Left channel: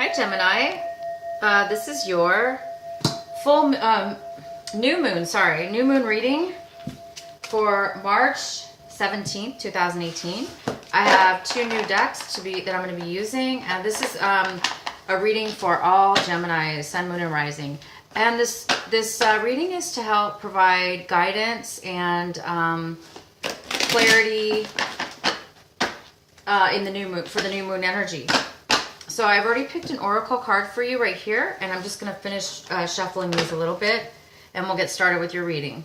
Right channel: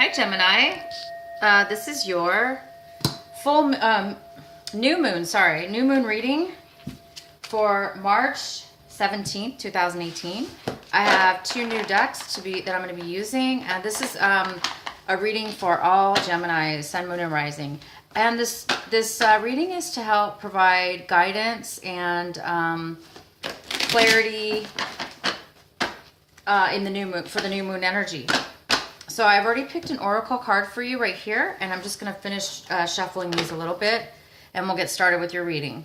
Hi, Gemini. This is your full new moon reading for March 17th, 2018. I have two new decks that I'm going to be using, and this is a reading for all Gemini, Sun, Moon, and Rising. And this reading is to help provide guidance and clarity in the new moon, for the new moon energy. So I've already picked an oracle card for you right here, and I'm just going to finish shuffling these a little bit, and we'll get started with your reading.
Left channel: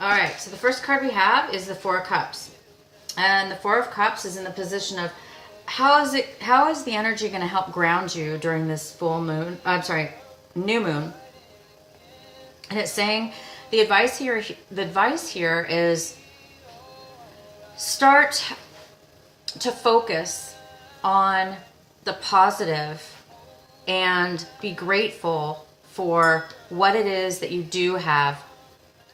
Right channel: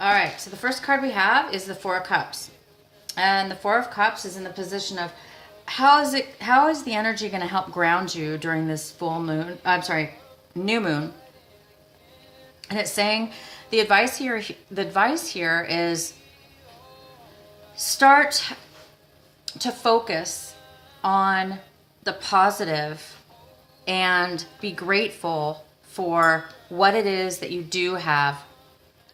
All right, so the first card we have is the Four of Cups. And the Four of Cups is in the position of how is the energy going to help ground you during this full moon, new moon. And it's saying the advice here is start to focus on the positive and be grateful for what it is that you do have.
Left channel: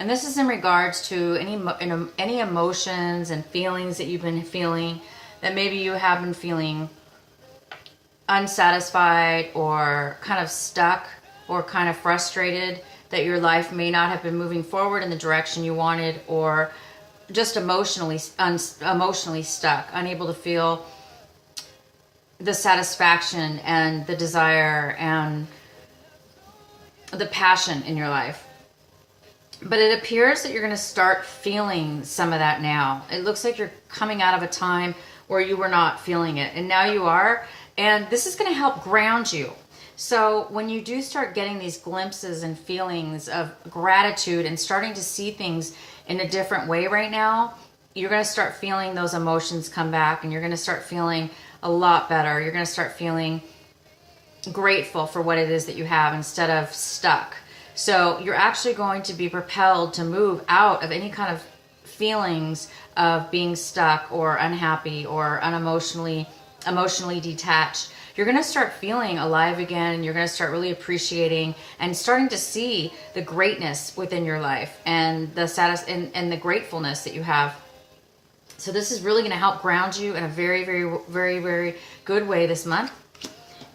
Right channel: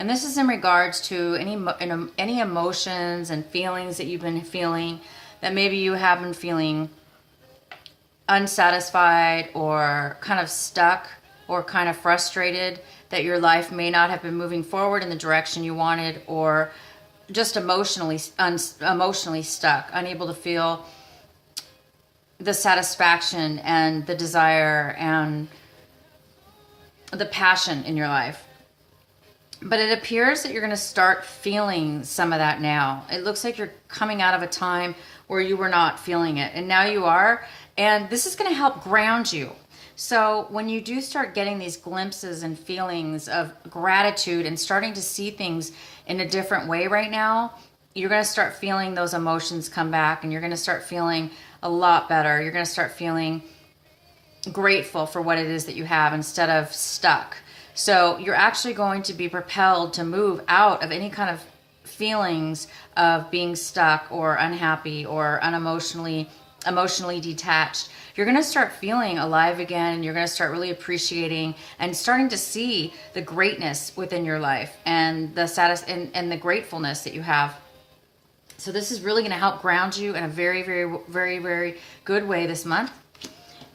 And this is in regards to any emotions and feelings that you've been feeling, that maybe you have been feeling unsatisfied or kind of stuck or kind of frustrated, that your life may not have been moving forward in the direction you wanted, or just emotionally stuck, unable to feel the satisfaction and the desire and the passion in your life. But it appears that you're going to start feeling some of that now. It looks like you're coming out of a time where you were not feeling it, and now you are. And this is going to help ground you. So when you do start getting these glimpses and feelings of gratitude and starting to see things in a different way right now, you're going to start feeling those emotions come back, and you're going to start feeling a lot better. You're going to start feeling grateful for what it is that you have instead of stuck. So you're actually going to be propelled to move out of any kind of feelings of being stuck or unhappy or emotionally detached. You're going to start feeling alive again. You're going to start really appreciating and starting to see the greatness within your life and the and the gratefulness that you have. So this is really going to help ground you in a very, very, very, very good way this month.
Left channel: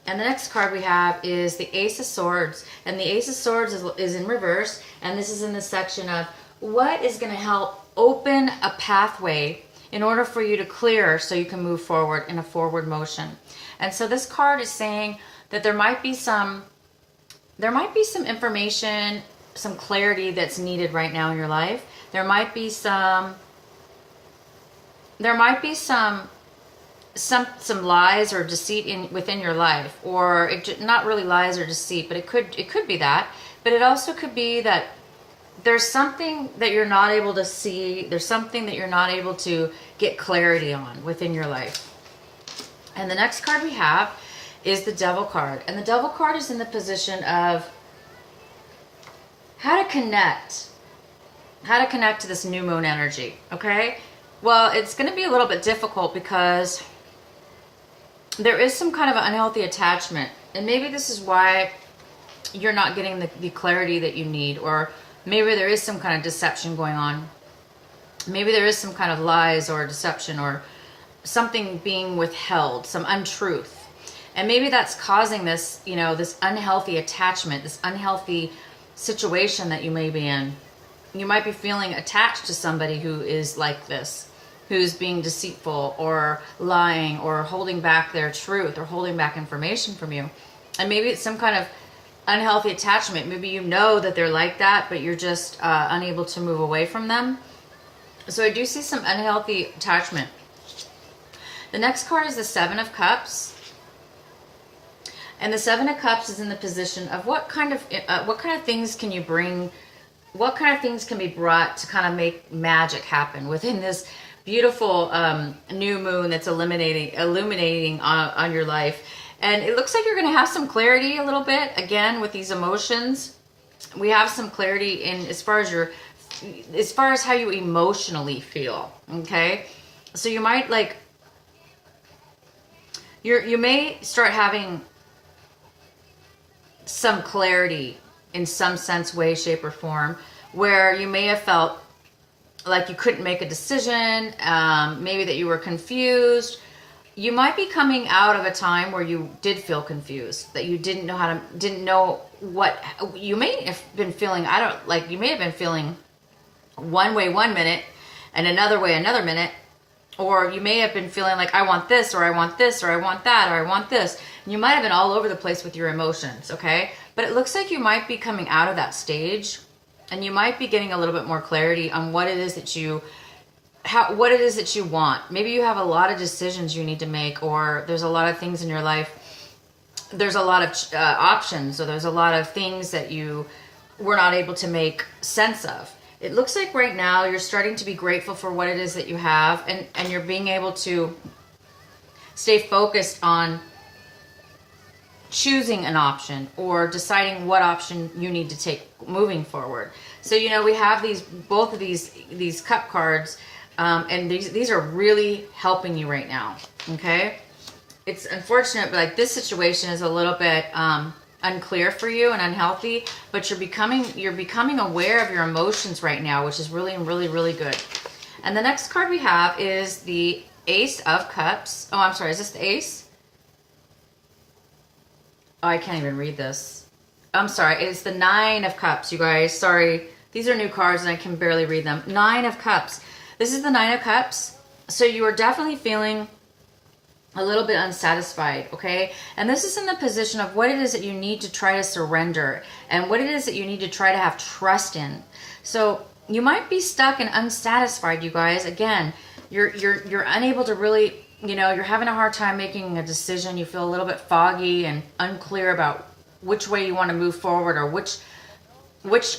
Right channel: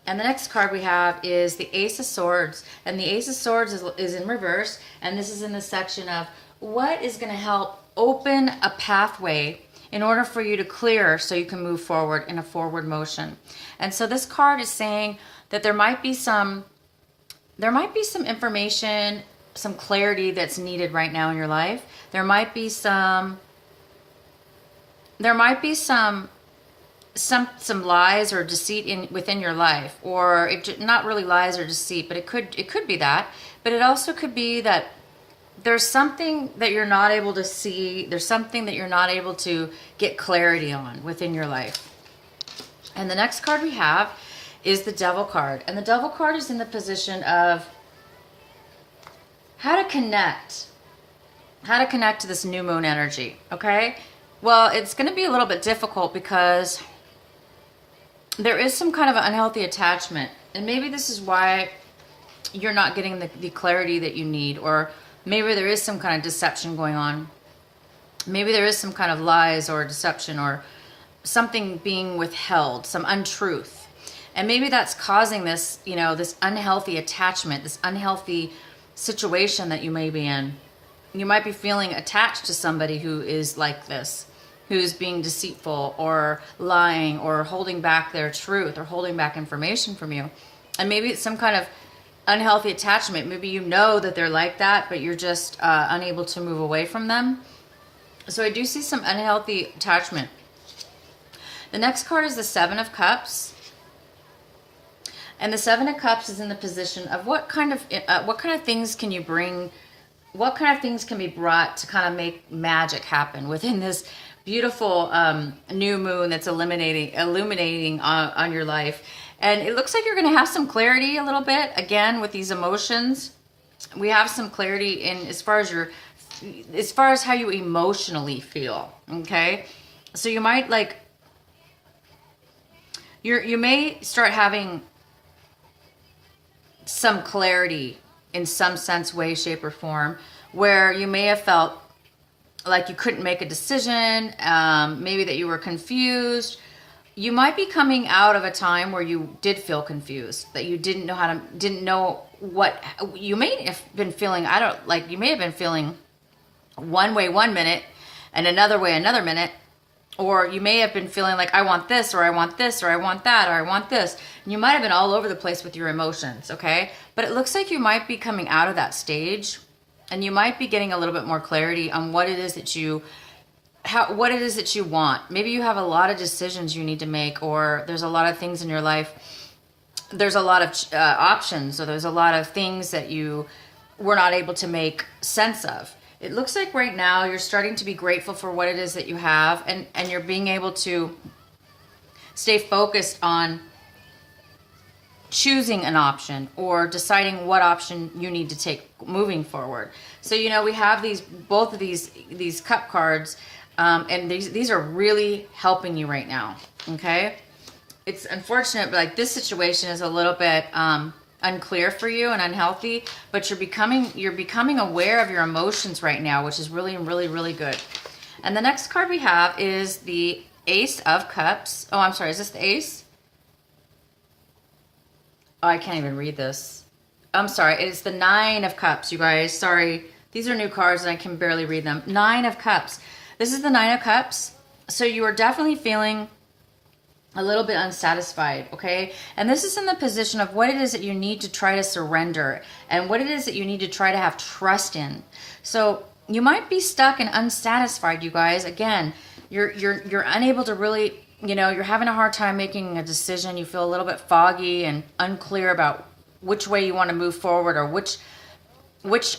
And the next card we have is the Ace of Swords. And the Ace of Swords is in reverse. And this is in the section of what is going to help open a pathway in order for you to clear so you can move forward in a forward motion. And so this card is saying that there might be some information, some clarity that's needed right now in your life. There might be some lies or deceit within your life, or not really lies or deceit, but it could be that. But it also could be that there's something that you're not able to see. There's something that you're not able to get clarity on within your life. And the next card we have is the Devil card, and the Devil card is in the position of how to connect to this new moon energy. Okay, well, it's going to be a little bit difficult because there is some kind of an unhealthy attachment, and maybe this is why you're not getting the clarity that you need, or maybe there is some kind of deception going on. Maybe there is some kind of lies or deception or something being withheld, some untruth. And maybe that's causing this, this unhealthy attachment, this unhealthy situation that you may be in. You might be feeling attached to somebody who is like this, who's being deceitful or lying or holding back their truth or holding back information from you. And maybe it's some kind of unhealthy attachment. Maybe you know that they're like that, but you're just unable to move away from them. So I do see some unhealthy attachment. The next card is the Seven of Cups. And the Seven of Cups is in the position of what kind of things can you bring what kind of things can be brought to kind of make magic happen within this beautiful new moon that's illuminating on your life. And it looks like you're going to have some clarity a little bit again with these emotions. We have some clarity in as far as how you emotionally feel. Okay, so you might like you may start having some clarity in some sense, way, shape, or form, where you may have felt like you couldn't make a decision, maybe that you were confused. You might be coming out of a time where you did feel confused, that you didn't know what you may have been feeling. You may have been feeling one way one minute and another way another minute, or you may have been feeling like, I want this, or I want this, or I want that, or I want this. And you might have been all over the place with your emotions, okay? But it looks like you might be coming out of that stage, and you might be getting a little bit more clarity on what it is that you want. Maybe you have a lot of decisions you need to make, or there's a lot of things in your life. There's a lot of options, or there's a lot of things that you were not able to make sense of. It looks like right now you're starting to be grateful for what it is that you have, and you're being able to stay focused on choosing an option or deciding what option you need to take moving forward. So, we have both of these cup cards, and these are really helping you right now. Okay. It's unfortunate, but like this situation is a little bit, unclear for you and unhealthy, but you're becoming aware of your emotions right now, which is really, really, really good. And the next card we have is the Ace of Cups. Oh, I'm sorry. Is this the Ace? Oh, I can't even read this. I'm sorry. It's the Nine of Cups, you guys. Sorry. These are new cards and I can barely read them. Nine of Cups. This is the Nine of Cups. So you are definitely feeling a little bit unsatisfied, okay? And this is in the position of what it is that you need to try to surrender and what it is that you need to try to have trust in. So you might be stuck and unsatisfied, you guys. Again, you're unable to really, you're having a hard time making a decision. You feel a little bit foggy and unclear about which way you want to move forward or which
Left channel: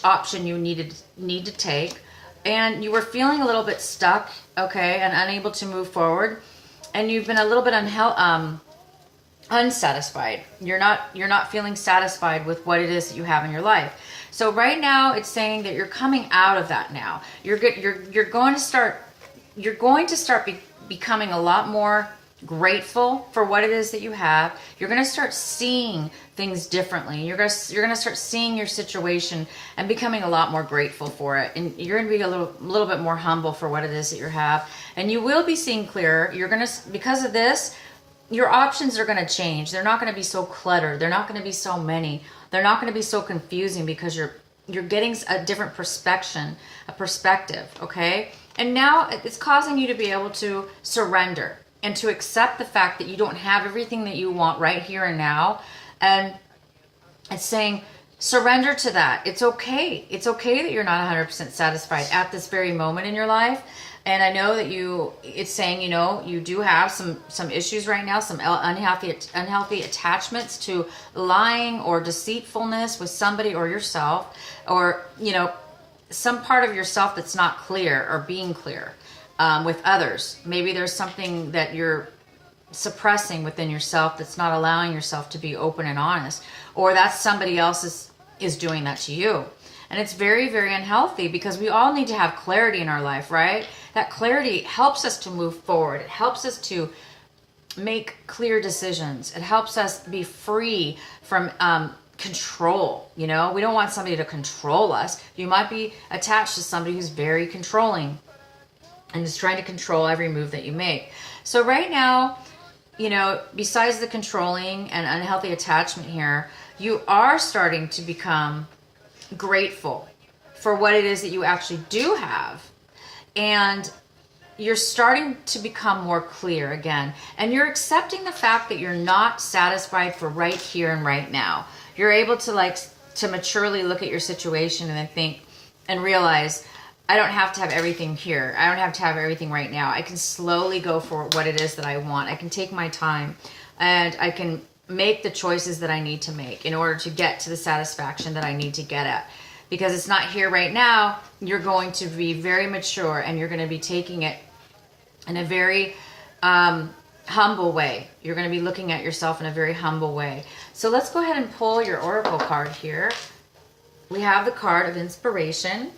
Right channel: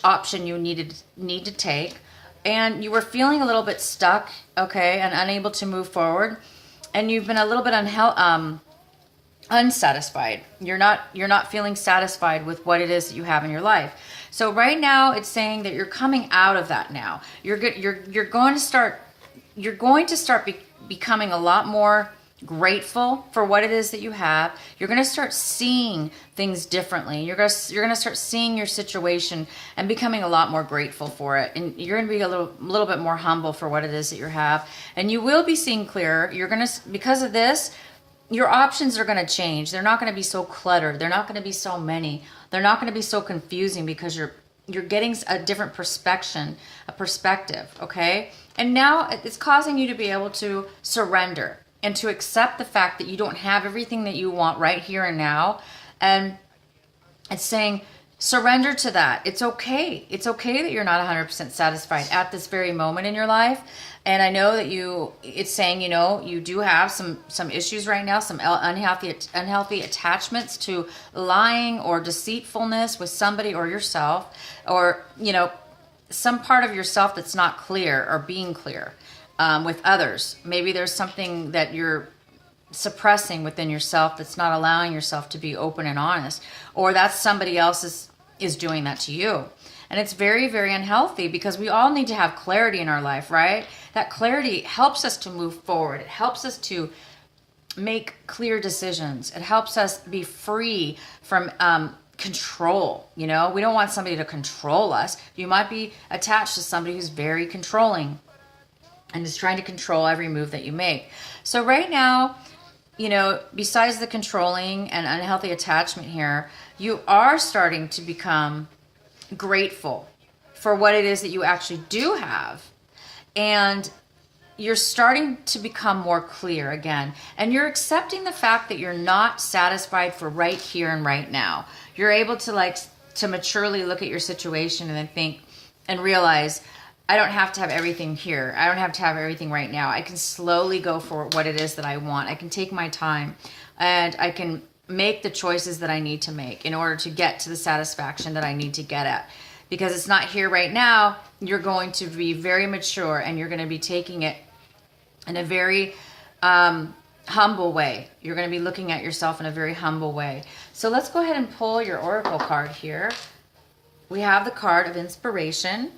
option you need to take. And you were feeling a little bit stuck, okay, and unable to move forward. And you've been a little bit unsatisfied. You're not feeling satisfied with what it is that you have in your life. So right now, it's saying that you're coming out of that now. You're going to start becoming a lot more grateful for what it is that you have. You're going to start seeing things differently. You're going to start seeing your situation and becoming a lot more grateful for it. And you're going to be a little bit more humble for what it is that you have. And you will be seeing clearer. Because of this, your options are going to change. They're not going to be so cluttered. They're not going to be so many. They're not going to be so confusing because you're getting a different perspective, okay? And now it's causing you to be able to surrender and to accept the fact that you don't have everything that you want right here and now. And it's saying, surrender to that. It's okay. It's okay that you're not 100% satisfied at this very moment in your life. And I know that it's saying, you do have some issues right now, some unhealthy attachments to lying or deceitfulness with somebody or yourself, or, some part of yourself that's not clear or being clear. With others. Maybe there's something that you're suppressing within yourself that's not allowing yourself to be open and honest, or that's somebody else is doing that to you. And it's very, very unhealthy because we all need to have clarity in our life, right? That clarity helps us to move forward. It helps us to make clear decisions. It helps us be free from control. We don't want somebody to control us. You might be attached to somebody who's very controlling and is trying to control every move that you make. So right now, besides the controlling and unhealthy attachment here, you are starting to become grateful for what it is that you actually do have. And you're starting to become more clear again. And you're accepting the fact that you're not satisfied for right here and right now. You're able to maturely look at your situation and then think and realize, I don't have to have everything here. I don't have to have everything right now. I can slowly go for what it is that I want. I can take my time and I can make the choices that I need to make in order to get to the satisfaction that I need to get at. because it's not here right now. You're going to be very mature, and you're going to be taking it in a very humble way. You're going to be looking at yourself in a very humble way. So let's go ahead and pull your oracle card here. We have the card of inspiration,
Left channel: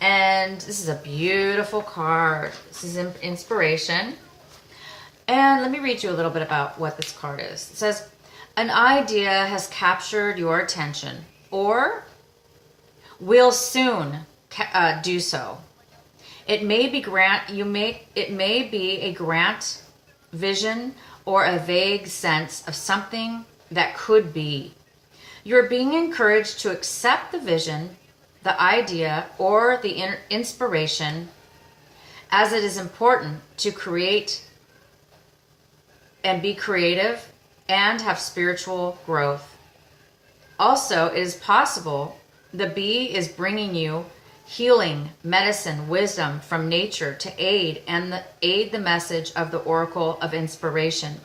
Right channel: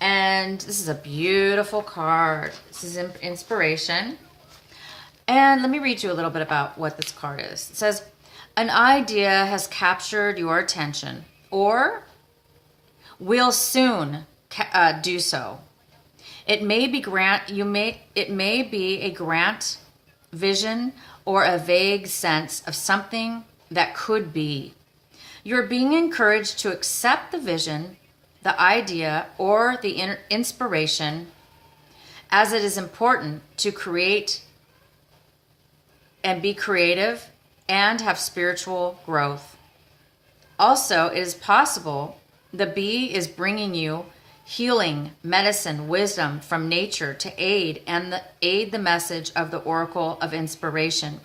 and this is a beautiful card. This is inspiration. And let me read you a little bit about what this card is. It says, an idea has captured your attention, or will soon do so. It may be a grant, vision, or a vague sense of something that could be. You're being encouraged to accept the vision, the idea, or the inspiration, as it is important to create and be creative and have spiritual growth. Also, it is possible the bee is bringing you healing, medicine, wisdom from nature to aid the message of the oracle of inspiration.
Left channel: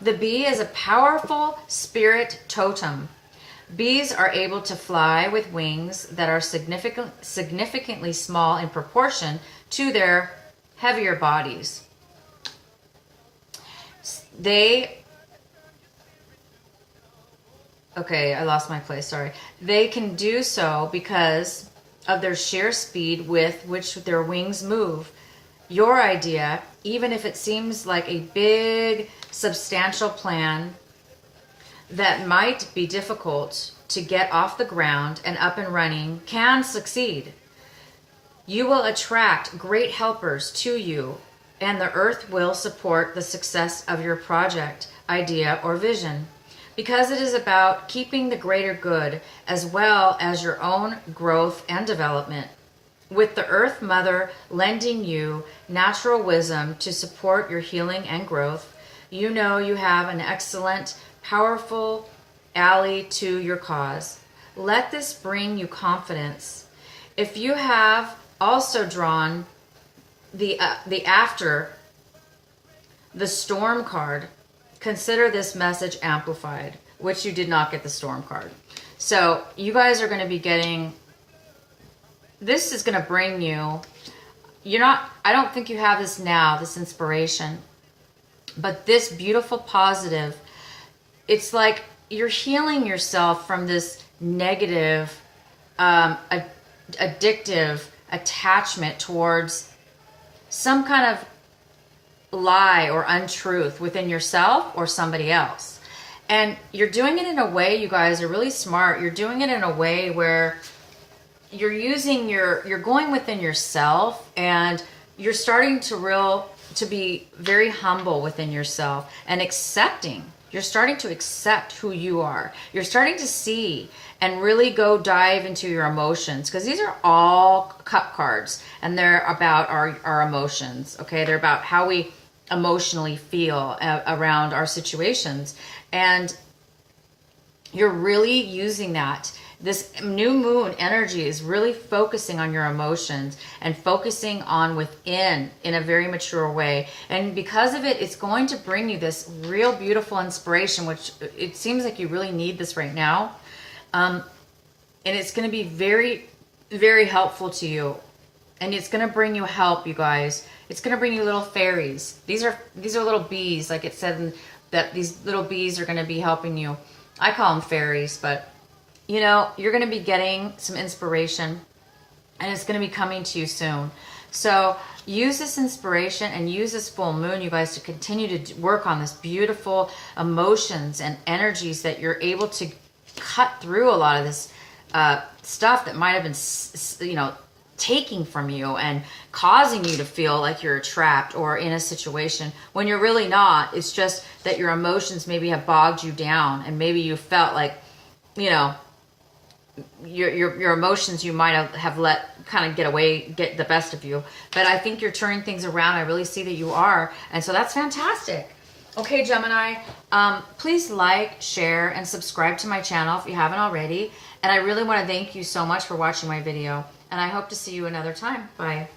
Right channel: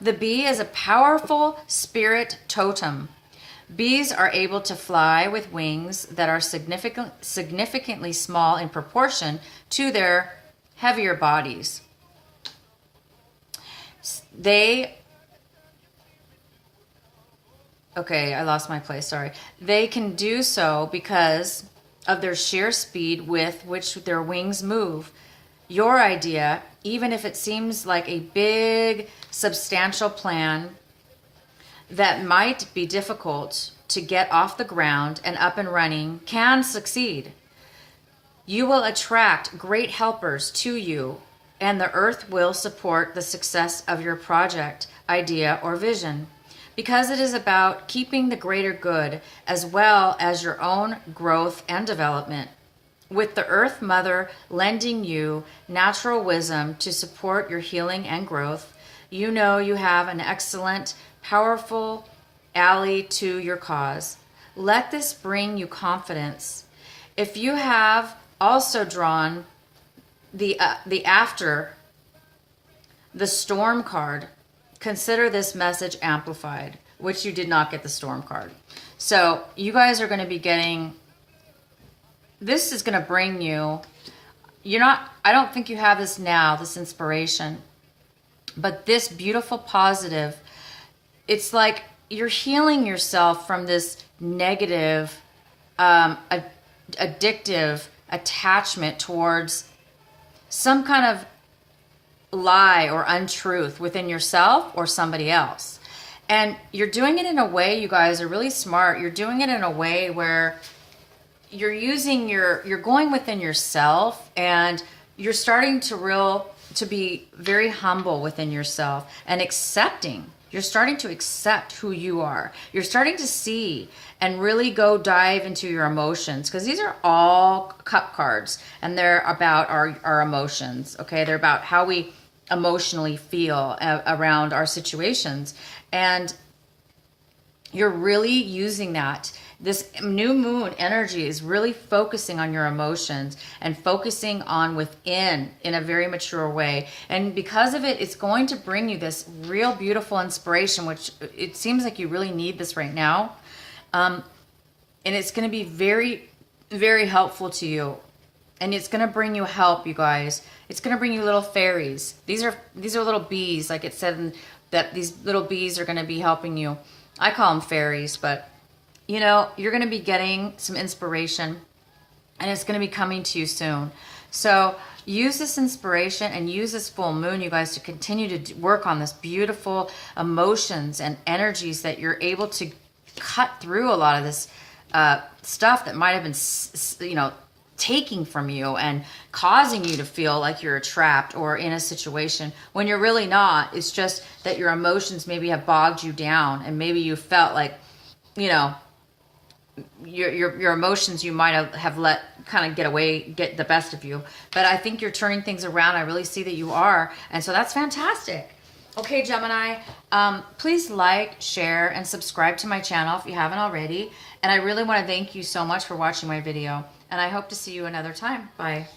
The bee is a powerful spirit totem. Bees are able to fly with wings that are significantly small in proportion to their heavier bodies. Okay, I lost my place, sorry. They can do so because of their sheer speed with which their wings move. Your idea, even if it seems like a big, substantial plan that might be difficult to get off the ground and up and running, can succeed. You will attract great helpers to you, and the earth will support the success of your project, idea, or vision, because it is about keeping the greater good as well as your own growth and development. With the Earth Mother lending you natural wisdom to support your healing and growth, you know you have an excellent, powerful ally to your cause. Let this bring you confidence. If you have also drawn the storm card, consider this message amplified, which you did not get the storm card. So you guys are going to be getting, this is going to bring you, I don't think you have this now, this inspiration, but this beautiful positive, it's like you're healing yourself from this negative, addictive attachment towards some kind of lie or untruth within yourself or somebody else. And you're doing it in a way, you guys are really smart. You're doing it in a way where you're going within yourself, and you're starting to be very humble within yourself and accepting. You're starting to accept who you are. You're starting to see and really go dive into your emotions, because these are all cup cards, and they're about our emotions. Okay, they're about how we emotionally feel around our situations, and you're really using that. This new moon energy is really focusing on your emotions and focusing on within in a very mature way. And because of it, it's going to bring you this real beautiful inspiration, which it seems like you really need this right now. And it's going to be very, very helpful to you. And it's going to bring you help, you guys. It's going to bring you little fairies. These are little bees, like it said, that these little bees are going to be helping you. I call them fairies, but you're going to be getting some inspiration, and it's going to be coming to you soon. So use this inspiration and use this full moon, you guys, to continue to work on this beautiful emotions and energies, that you're able to cut through a lot of this stuff that might have been, taking from you and causing you to feel like you're trapped or in a situation when you're really not. It's just that your emotions maybe have bogged you down, and maybe you felt like, your emotions you might have let kind of get the best of you. But I think you're turning things around. I really see that you are. And so that's fantastic. Okay, Gemini, please like, share, and subscribe to my channel if you haven't already. And I really want to thank you so much for watching my video. And I hope to see you another time. Bye.